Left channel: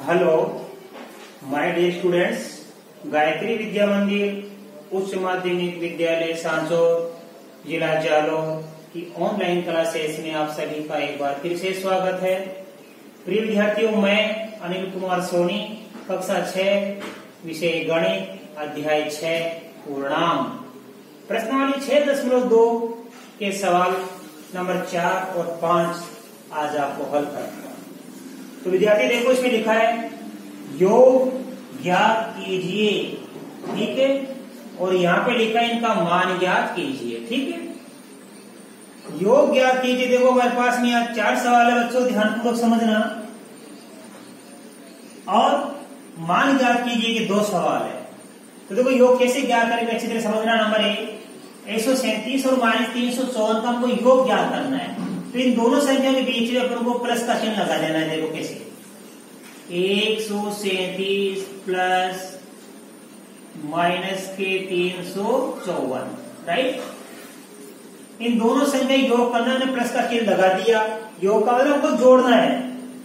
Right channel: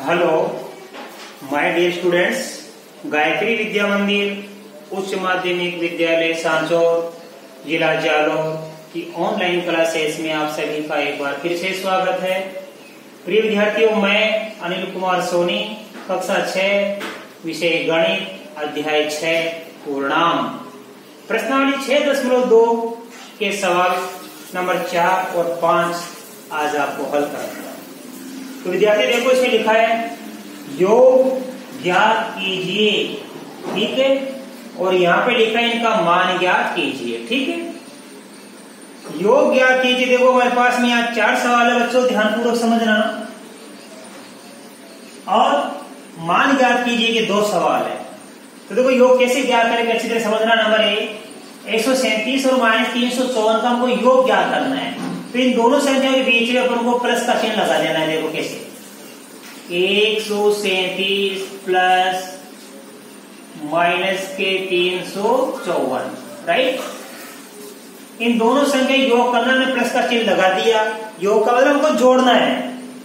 Hello my dear students, Gayatri Vidya Mandir उच्च माध्यमिक विद्यालय सांचौर जिला जालौर की ऑनलाइन क्लासेस में आप सभी का एक बार फिर से स्वागत है। प्रिय विद्यार्थियों, मैं अनिल कुमार सोनी, कक्षा 6, विषय गणित, अध्याय 6 पूर्णांक, प्रश्नावली 6.2 के सवाल नंबर 4 और 5 आज आपको हल करना है। तो विद्यार्थी देखो, इसमें लिखा है योग ज्ञात कीजिए, ठीक है, और यहाँ पे लिखा है इनका मान ज्ञात कीजिए, ठीक है। योग ज्ञात कीजिए, देखो हमारे पास में यहाँ 4 सवाल है बच्चों, ध्यानपूर्वक समझना। और मान ज्ञात कीजिए के 2 सवाल है। तो देखो योग कैसे ज्ञात करेंगे अच्छी तरह समझना। नंबर 137 और -354 का हमको योग ज्ञात करना है। तो इन दोनों संख्या के बीच में अपन को प्लस का चिन्ह लगा देना है। देखो कैसे, 137 प्लस -354, राइट। इन दोनों संख्या योग करना है, प्लस का चिन्ह लगा दिया। योग का मतलब हमको जोड़ना है,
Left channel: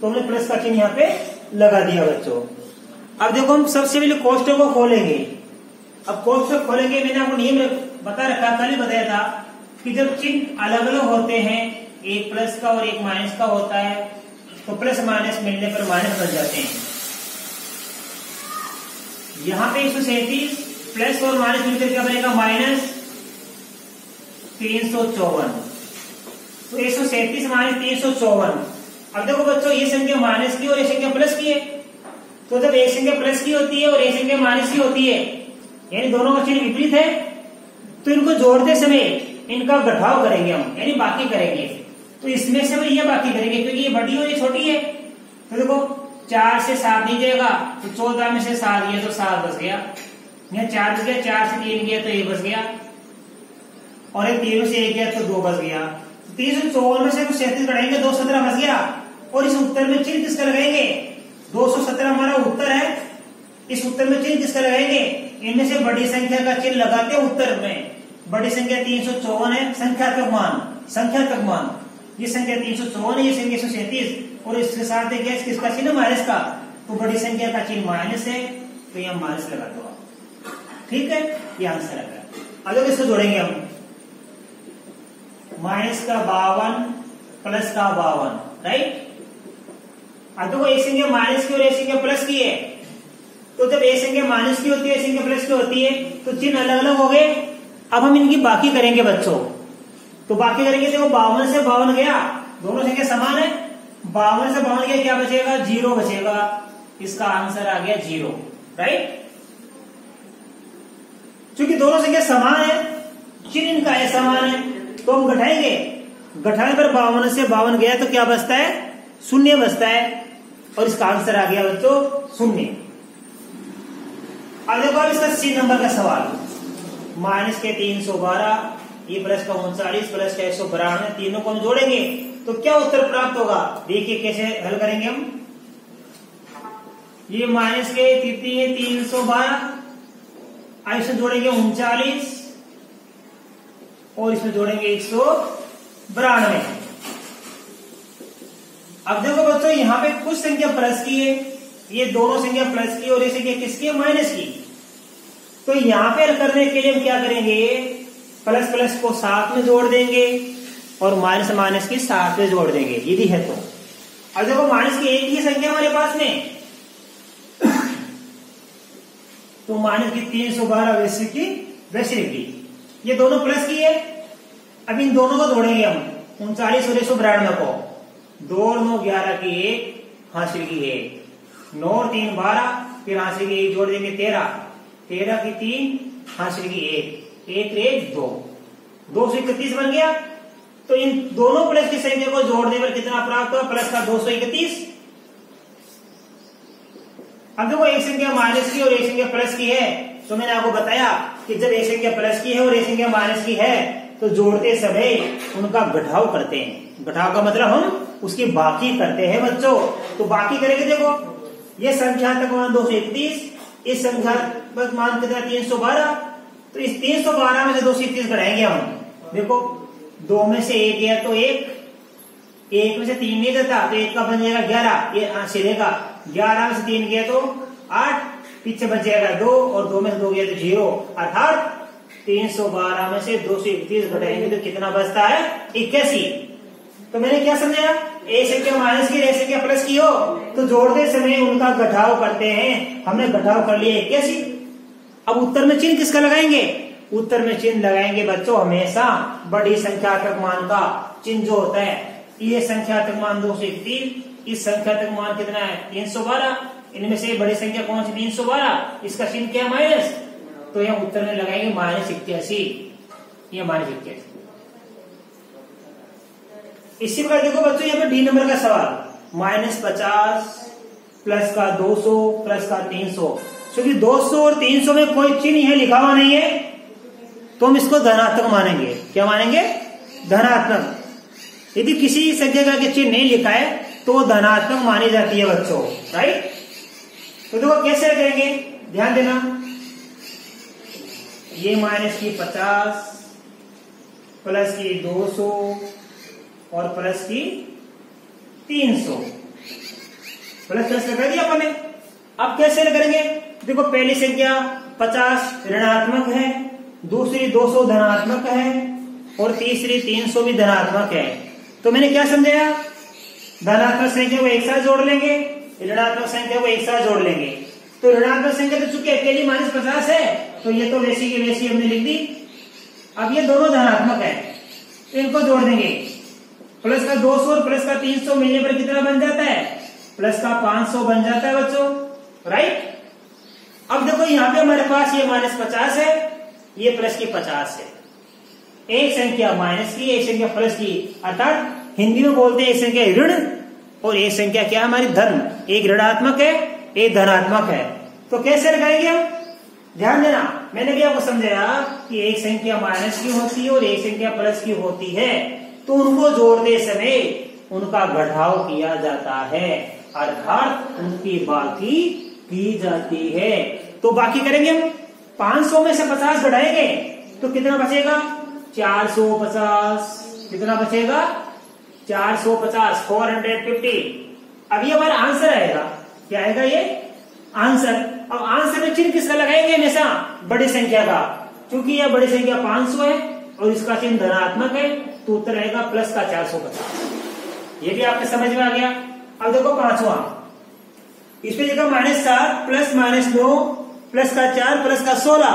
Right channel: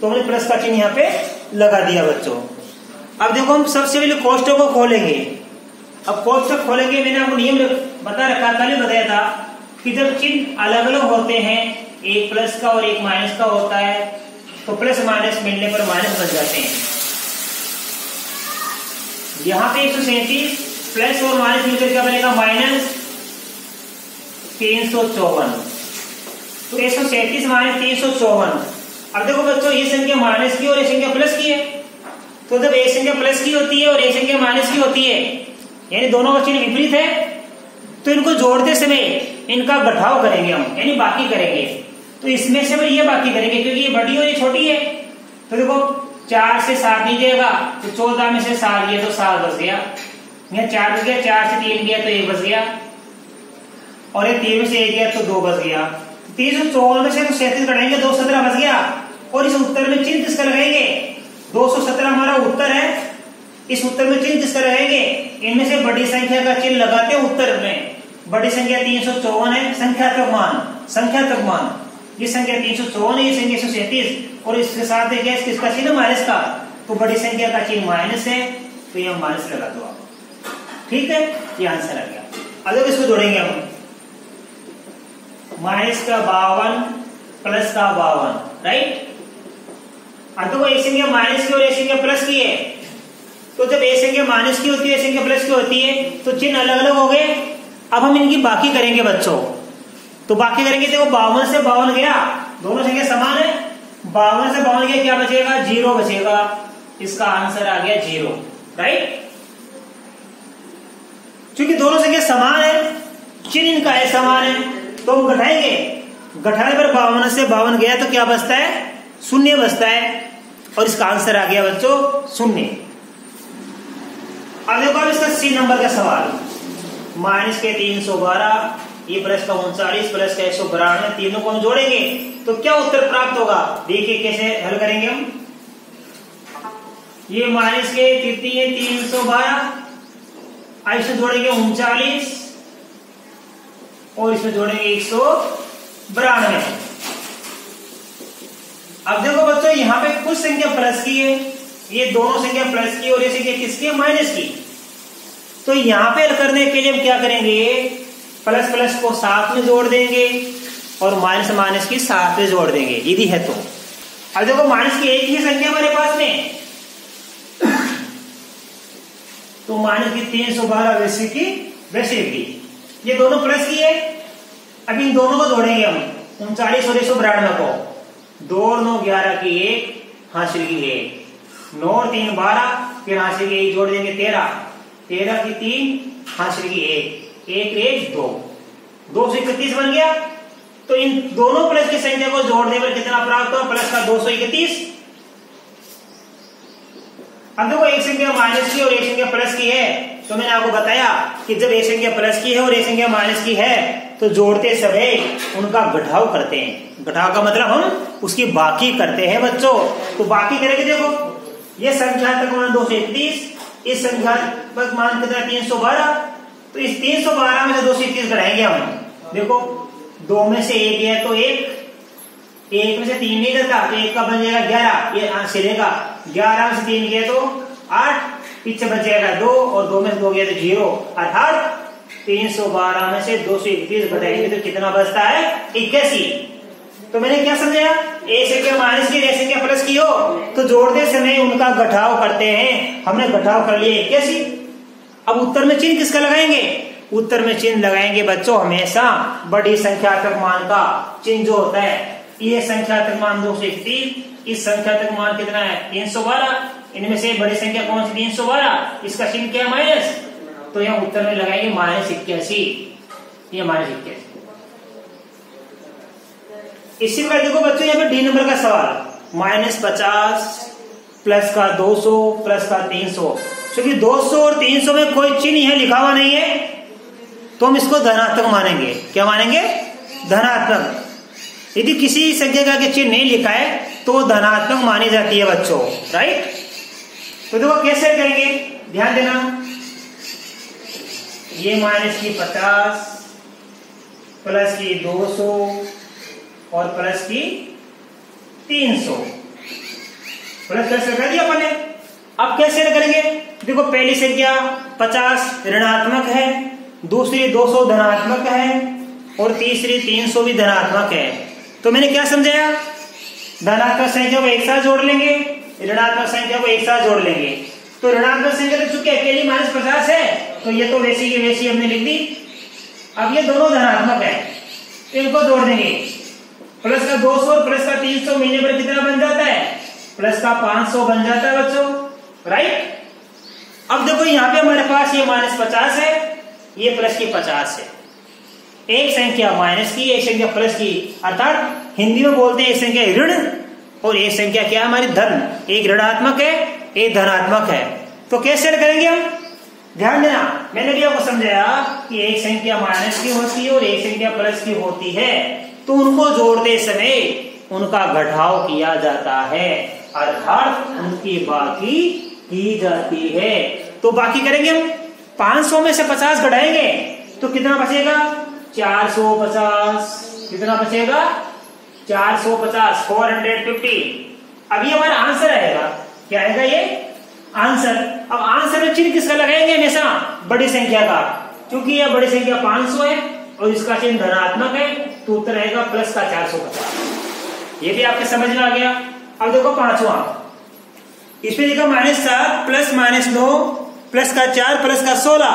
तो हमने प्लस का चिन्ह यहाँ पे लगा दिया बच्चों। अब देखो हम सबसे पहले कोष्टक को खोलेंगे। अब कोष्टक खोलेंगे, मैंने आपको नियम बता रखा, कल ही बताया था कि जब चिन्ह अलग अलग होते हैं, एक प्लस का और एक माइनस का होता है, तो प्लस माइनस मिलने पर माइनस बन जाते हैं। यहाँ पे 137 प्लस और माइनस मिलकर क्या बनेगा, -354। तो 137 -354। अब देखो बच्चों, ये संख्या माइनस की और ये संख्या प्लस की है। तो जब एक संख्या प्लस की होती है और एक संख्या माइनस की होती है, यानी दोनों का चिन्ह विपरीत है, तो इनको जोड़ते समय इनका घटाव करेंगे हम, यानी बाकी करेंगे। तो इसमें से हम ये बाकी करेंगे क्योंकि ये बड़ी और ये छोटी है। तो देखो 4 से 7 नहीं जाएगा, तो 14 में से 7 गया तो 7 बच गया। यहाँ 4 बच गया, 4 से 3 गया तो 1 बच गया, और एक 3 में से 1 गया तो 2 बच गया। 354 में से 37 कटेंगे, 217 बच गया। और इस उत्तर में चिन्ह किसका लगाएंगे, 217 हमारा उत्तर है। इस उत्तर में चिन्ह किसका लगाएंगे, इनमें से बड़ी संख्या का चिन्ह लगाते हैं उत्तर में। बड़ी संख्या 354 है, संख्यात्मक मान। ये संख्या 354 है, ये संख्या 137, और इसके साथ है क्या, किसका चिन्ह, माइनस का। तो बड़ी संख्या का चिन्ह माइनस है, तो यह माइनस लगा दो आप, ठीक है। ये आंसर आ गया। अगर इसको जोड़ेंगे हम, माइनस का 52 प्लस का 52, राइट। अब तो एक संख्या माइनस की और एक संख्या प्लस की है, तो जब एक संख्या माइनस की होती है, एक संख्या प्लस की होती है, तो चिन्ह अलग अलग हो गए। अब हम इनकी बाकी करेंगे बच्चों। तो बाकी करेंगे, देखो 52 से 52 गया, दोनों संख्या समान है। 52 से 52 गया, क्या बचेगा, 0 बचेगा। इसका आंसर आ गया 0, राइट। क्योंकि दोनों संख्या समान है, चिन्ह इनका है समान है, तो हम घटाएंगे। घटाने पर 52 से 52 गया तो क्या बचता है, 0 बचता है, और इसका आंसर आ गया बच्चों 0। अब देखो इसका C नंबर का सवाल, -312, ये प्लस का 39 प्लस का 192, तीनों को हम जोड़ेंगे तो क्या उत्तर प्राप्त होगा। देखिए कैसे हल करेंगे हम। ये माइनस के तृतीय 312, इसमें जोड़ेंगे 39 और इसमें जोड़ेंगे 192। अब देखो बच्चों, यहाँ पे कुछ संख्या प्लस की है, ये दोनों संख्या प्लस की और ये संख्या किसकी, माइनस की। तो यहाँ पे हल करने के लिए हम क्या करेंगे, प्लस प्लस को साथ में जोड़ देंगे और माइनस माइनस की साथ में जोड़ देंगे, यदि है तो। अब देखो माइनस की एक ही संख्या हमारे पास में, तो माइनस की 312 वैसे की वैसे की, ये दोनों प्लस की है। अब इन दोनों को जोड़ेंगे हम, 39 और 192 को, 2 और 9 11 की 1, हासिल की 1, 9 और 3 12, फिर हासिल की 1 जोड़ देंगे 13, 13 की 3, हासिल की 1, 1 रेज 2, 231 बन गया। तो इन दोनों प्लस की संख्या को जोड़ने पर कितना प्राप्त हुआ, प्लस का 231। अब देखो एक संख्या माइनस की और एक संख्या प्लस की है, तो मैंने आपको बताया कि जब एक संख्या प्लस की है और एक संख्या माइनस की है, तो जोड़ते समय उनका घटाव करते हैं। घटाव का मतलब हम उसकी बाकी करते हैं बच्चों। तो बाकी करेंगे, देखो ये संख्यात्मक मान 231, इस संख्यात्मक मान कितना 312, तो इस 312 में से 231 घटाएंगे हम। देखो 2 में से 1 गया तो 1, 1 में से 3 नहीं जाता तो 1 का बन जाएगा 11, ये सिलेगा। 11 में से 3 गया तो 8, पीछे बच जाएगा 2 और 2 में से 2 गया तो 0, अर्थात 312 में से 231 घटाएंगे तो कितना बचता है 81। तो मैंने क्या समझाया, एक संख्या माइनस की एक संख्या प्लस की हो तो जोड़ते समय उनका घटाव करते हैं, हमने घटाव कर लिया 81। अब उत्तर में चिन्ह किसका लगाएंगे, उत्तर में चिन्ह लगाएंगे बच्चों हमेशा बड़ी संख्यात्मक मान का चिन्ह जो होता है। ये संख्यात्मक मान 231, इस संख्यात्मक मान कितना है 312, इनमें से बड़ी संख्या कौन सी 312, इसका चिन्ह क्या है माइनस, तो यहाँ उत्तर में लगाएंगे -81, ये -81। इसी प्रकार देखो बच्चों यहाँ पे डी नंबर का सवाल, -50 प्लस का 200 प्लस का 300, क्योंकि 200 और 300 में कोई चिन्ह यहाँ लिखा हुआ नहीं है तो हम इसको धनात्मक मानेंगे। क्या मानेंगे, धनात्मक। यदि किसी संख्या का चिन्ह नहीं लिखा है तो वो धनात्मक मानी जाती है बच्चों, राइट। तो देखो कैसे करेंगे, ध्यान देना, ये -50 प्लस की 200 और प्लस की 300, प्लस प्लस लगा दिया अपन ने। अब कैसे करेंगे, देखो पहली संख्या 50 ऋणात्मक है, दूसरी 200 धनात्मक है और तीसरी 300 भी धनात्मक है। तो मैंने क्या समझाया, धनात्मक संख्या को एक साथ जोड़ लेंगे, ऋणात्मक संख्या को एक साथ जोड़ लेंगे। तो ऋणात्मक संख्या तो चूंकि अकेली -50 है तो ये तो वैसी की वैसी हमने लिख दी। अब ये दोनों धनात्मक है तो इनको जोड़ देंगे, प्लस का 200 और प्लस का 300 मिलने पर कितना बन जाता है, प्लस का 500 बन जाता है बच्चों, राइट। अब देखो यहाँ पे हमारे पास ये -50 है, ये प्लस की 50 है, एक संख्या माइनस की एक संख्या प्लस की, अर्थात हिंदी में बोलते हैं एक संख्या ऋण और एक संख्या क्या है हमारी धन, एक ऋणात्मक है एक धनात्मक है। तो कैसे करेंगे हम, ध्यान देना, मैंने भी आपको समझाया कि एक संख्या माइनस की होती है और एक संख्या प्लस की होती है तो उनको जोड़ते समय उनका घटाव किया जाता है, अर्थात उनकी बाकी की जाती है। तो बाकी करेंगे हम, 500 में से 50 घटाएंगे तो कितना बचेगा 450, कितना बचेगा 450, 450। अभी हमारा आंसर आएगा, क्या आएगा ये आंसर। अब आंसर में चिन्ह किसका लगाएंगे, हमेशा बड़ी संख्या का, क्योंकि यह बड़ी संख्या 500 है और इसका चिन्ह धनात्मक है तो उत्तर आएगा प्लस का 450। ये भी आपके समझ में आ गया। अब देखो पांचवा, इसमें देखो -7 प्लस -9 प्लस का 4 प्लस का 16,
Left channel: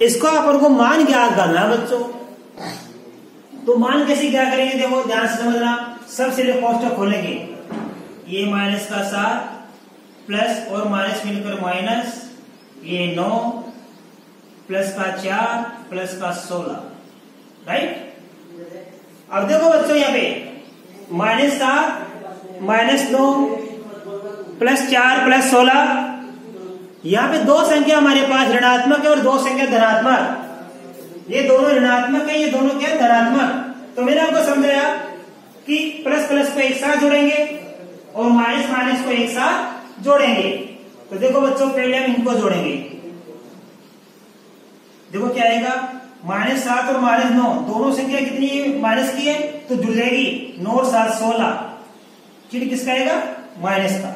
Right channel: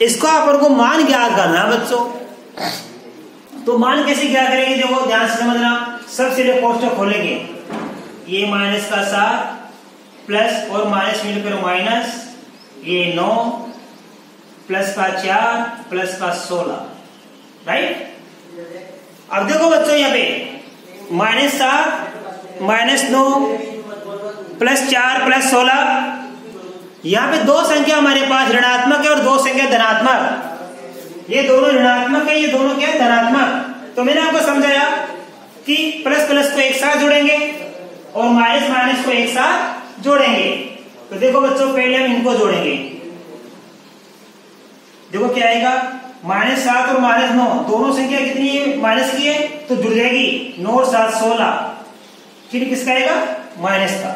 इसको अपन को मान ज्ञात करना है बच्चों। तो मान कैसे क्या करेंगे, देखो ध्यान से समझना, सबसे पहले कोष्ठक खोलेंगे, ये -7 प्लस और माइनस मिलकर माइनस, ये 9 प्लस का 4 प्लस का 16, राइट। अब देखो बच्चों यहाँ पे -7 -9 प्लस 4 प्लस 16, यहाँ पे दो संख्या हमारे पास ऋणात्मक है और दो संख्या धनात्मक। ये दोनों ऋणात्मक है, ये दोनों क्या है धनात्मक। तो मैंने आपको समझाया कि प्लस प्लस को एक साथ जोड़ेंगे और माइनस माइनस को एक साथ जोड़ेंगे। तो देखो बच्चों पहले हम इनको जोड़ेंगे, देखो क्या आएगा, -7 और -9 दोनों संख्या कितनी माइनस की है तो जुड़ जाएगी, 9 और 7 16, चिन्ह किसका आएगा माइनस का।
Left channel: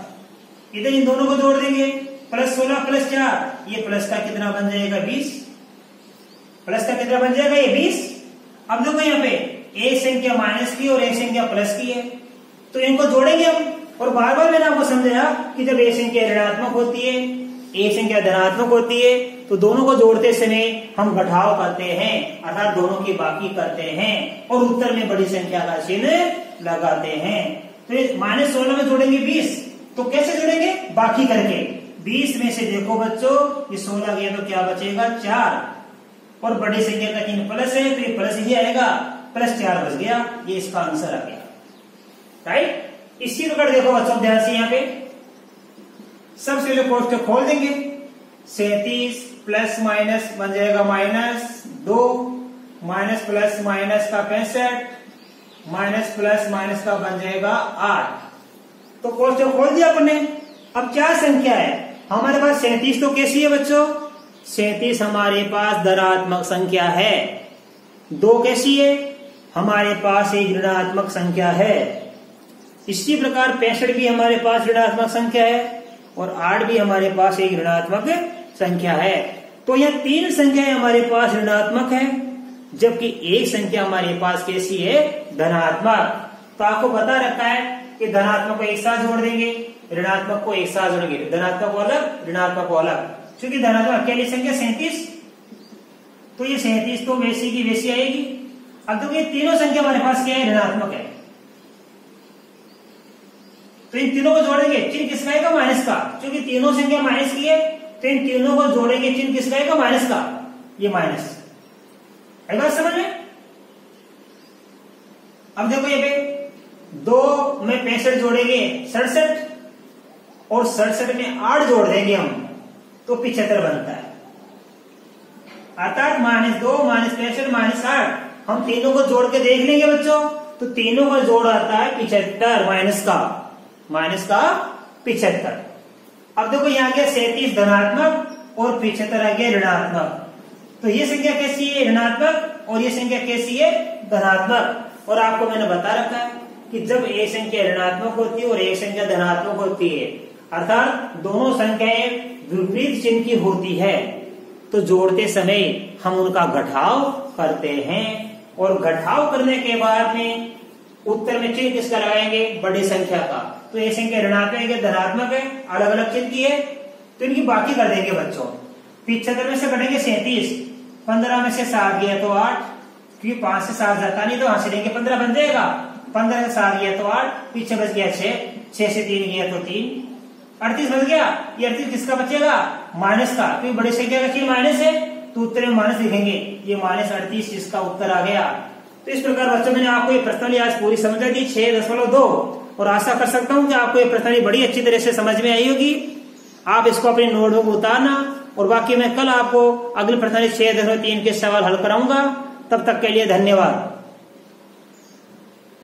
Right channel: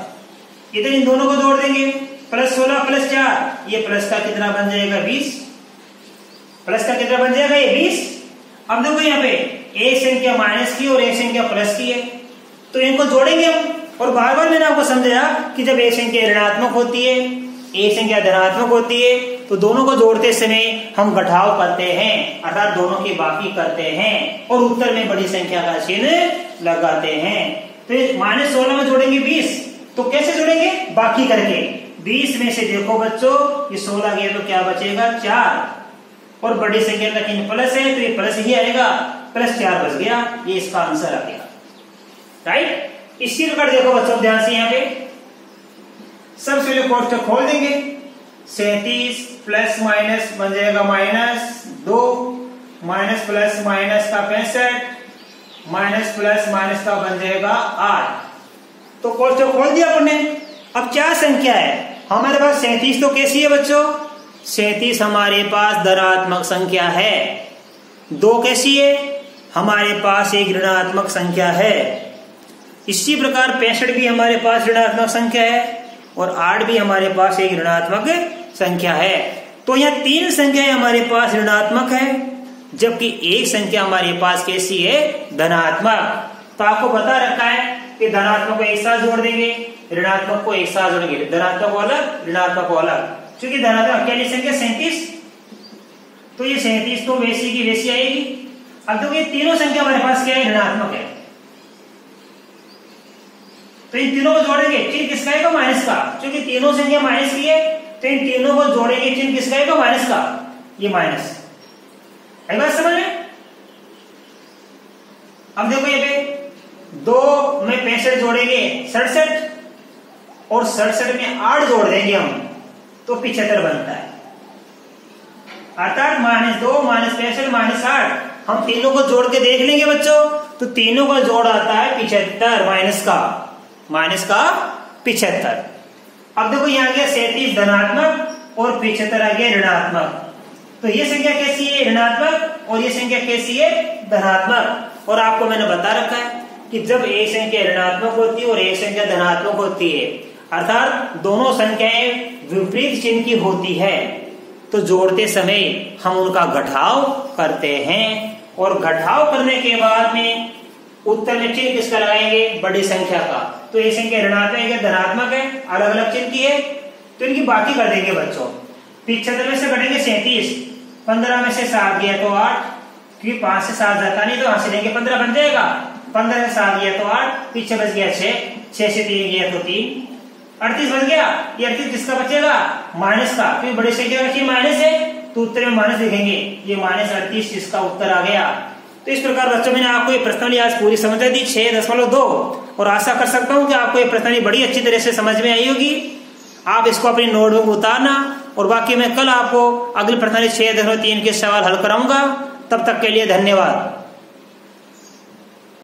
इधर इन दोनों को जोड़ देंगे, प्लस 16 प्लस 4, ये प्लस का कितना बन जाएगा 20, प्लस का कितना बन जाएगा ये 20। अब देखो यहाँ पे एक संख्या माइनस की और एक संख्या प्लस की है तो इनको जोड़ेंगे हम। और बार बार मैंने आपको समझाया कि जब एक संख्या ऋणात्मक होती है एक संख्या धनात्मक होती है तो दोनों को जोड़ते समय हम घटाव करते हैं, अर्थात दोनों की बाकी करते हैं और उत्तर में बड़ी संख्या का चिन्ह लगाते हैं। तो -16 में जोड़ेंगे 20, तो कैसे जोड़ेंगे, बाकी करके। 20 में से देखो बच्चों ये 16 गया तो क्या बचेगा 4 और बड़ी संख्या का चिन्ह प्लस है तो ये प्लस ही आएगा, प्लस 4 बच गया, ये इसका आंसर आ गया, राइट। इसी प्रकार देखो बच्चों ध्यान से यहाँ पे सबसे पहले कोष्ठक खोल देंगे, 37 प्लस माइनस बन जाएगा -2, माइनस प्लस माइनस का 65, माइनस प्लस माइनस का बन जाएगा 8। तो कोष्ठक खोल दिया आपने। अब क्या संख्या है हमारे पास, 37 तो कैसी है बच्चों, 37 हमारे पास धनात्मक संख्या है। 2 कैसी है, हमारे पास एक ऋणात्मक संख्या है। इसी प्रकार 65 भी हमारे पास ऋणात्मक संख्या है और 8 भी हमारे पास एक ऋणात्मक संख्या है। तो यह 3 संख्याएं हमारे पास ऋणात्मक है, जबकि एक संख्या हमारे पास कैसी है, धनात्मक। तो आपको बता रखा है कि धनात्मक को एक साथ जोड़ देंगे, ऋणात्मक को एक साथ जोड़ेंगे, धनात्मक को अलग, ऋणात्मक को अलग। क्योंकि धनात्मक अकेली संख्या 37, तो ये 37 तो वैसी की वैसी आएगी। अब देखो ये तीनों संख्या हमारे पास क्या है, ऋणात्मक है। तो इन तीनों को जोड़ेंगे, चिन्ह किसका आएगा, माइनस का। क्योंकि तीनों संख्या माइनस की है, तो इन तीनों को जोड़ेंगे, चिन्ह किसका आएगा, माइनस का। ये माइनस है, बात समझ में। अब देखो ये पे 2 में 65 जोड़ेंगे 67, और 67 में 8 जोड़ देंगे हम, तो 75 बनता है। अर्थात -2 -65 -8 हम तीनों को जोड़ के देख लेंगे बच्चों, तो तीनों का जोड़ आता है 75, माइनस का 75। अब देखो यहाँ गया 37 धनात्मक और 75 आ गया ऋणात्मक। तो ये संख्या कैसी है, ऋणात्मक, और ये संख्या कैसी है, धनात्मक। और आपको मैंने बता रखा है कि जब एक संख्या ऋणात्मक होती है और एक संख्या धनात्मक होती है, अर्थात दोनों संख्याएं विपरीत चिन्ह की होती है, तो जोड़ते समय हम उनका घटाव करते हैं, और घटाव करने के बाद में उत्तर में चिन्ह किसका लगाएंगे, बड़ी संख्या का। तो ये संख्या ऋणात्मक है, धनात्मक है, अलग अलग चिन्ह की है, तो इनकी बाकी कर देंगे बच्चों। 75 में से घटेंगे 37, 15 में से 7 गया तो 8, क्योंकि 5 से 7 जाता नहीं, तो यहां से लेंगे 15 बन जाएगा। 15 से 7 गया तो 8, पीछे बच गया 6, 6 से 3 गया तो 3, 38 बच गया। ये 38 किसका बचेगा, माइनस का, क्योंकि बड़ी संख्या का चिन्ह माइनस है, तो उत्तर में माइनस लिखेंगे। ये -38 इसका उत्तर आ गया। तो इस प्रकार बच्चों मैंने आपको ये प्रश्नावली आज पूरी समझ दी 6.2, और आशा कर सकता हूं कि आपको ये प्रश्नावली बड़ी अच्छी तरह से समझ में आई होगी। आप इसको अपनी नोटबुक में उतारना, और बाकी मैं कल आपको अगली प्रश्नावली 6.3 के सवाल हल कराऊंगा। तब तक के लिए धन्यवाद।